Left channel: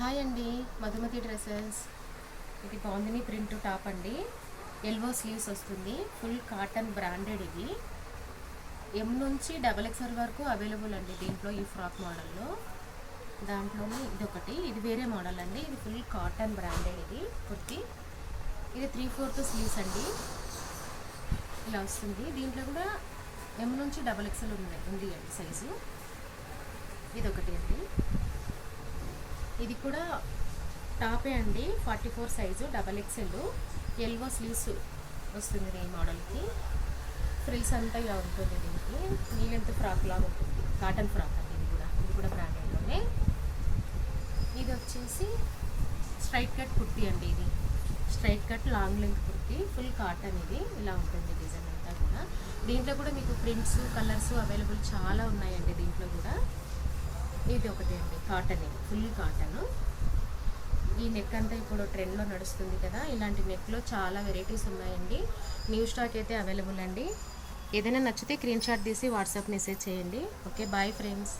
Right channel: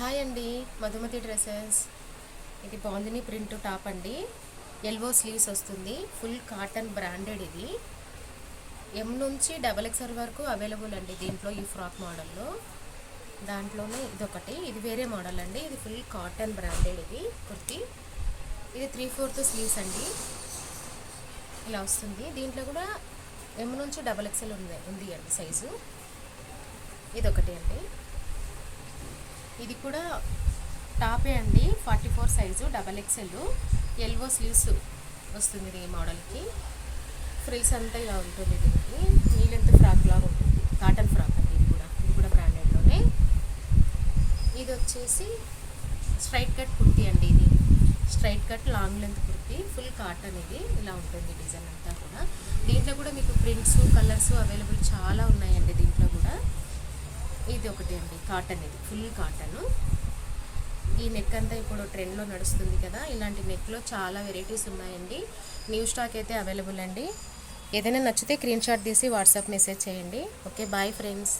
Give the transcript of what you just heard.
Hi అండి, Madhumati dresses. ఇది bandhani print top అండి. ఎల్బో స్లీవ్స్ వస్తుంది. Full cotton branded. ఇది ఎం నుంచి XXL వరకు అవైలబుల్ అండి దీంట్లో. ఈ ఫ్రాక్ మోడల్లో దాంట్లోనే ఇదొకటి. ఇది వేరే మోడల్ అండి. ఇది ఫుల్ కాటన్ బ్రాండెడ్. ఇది కుర్తి. ఇది 3/4 స్లీవ్స్ అండి. ఇలా వస్తుంది. దీంట్లో కూడా ఎం నుంచి XXL ఉంది అండి సైజు. ఇదొకటి అండి. ఇది కూడా టాపే అండి. 44 సైజు XXL. ఎల్బో స్లీవ్స్ వస్తుంది ఈ మోడల్కి. ఫ్రిల్స్ అంతా ఇలా ఉంటుంది. దీనికి నీ లెంత్ ఫ్రాక్ లాగా ఉంటుంది. కాటన్ ఫ్రాక్ అండి. ఇది కూడా బ్రాండెడ్లోనే. ఇది వచ్చేసి స్ట్రైట్ కట్ కుర్తీ అండి. ఇది straight cut long length kurti. Full cotton. ఇది ఇలా ఉంటుంది డిజైన్ అంతా కూడా. దీంట్లో కూడా మీకు ప్రింట్స్, కలర్స్ అవైలబుల్ చాలా ఉన్నాయండి దీంట్లో కూడా. ఇది ఒకటి అండి, కాటన్. ఇది ఫుల్ కాటన్. ఈ నెక్ అంతా ఇప్పుడు ట్రెండ్లో నడుస్తుంది కదా. ఇలాంటి నెక్లో చాలా వెరైటీస్ ఉన్నాయండి. న్యూ స్టాక్ అయితే అవైలబుల్ అండి. ఏదైనా నచ్చితే స్క్రీన్ షాట్ తీసి వాట్సాప్ మెసేజ్ చేయండి. Okay, bye friends.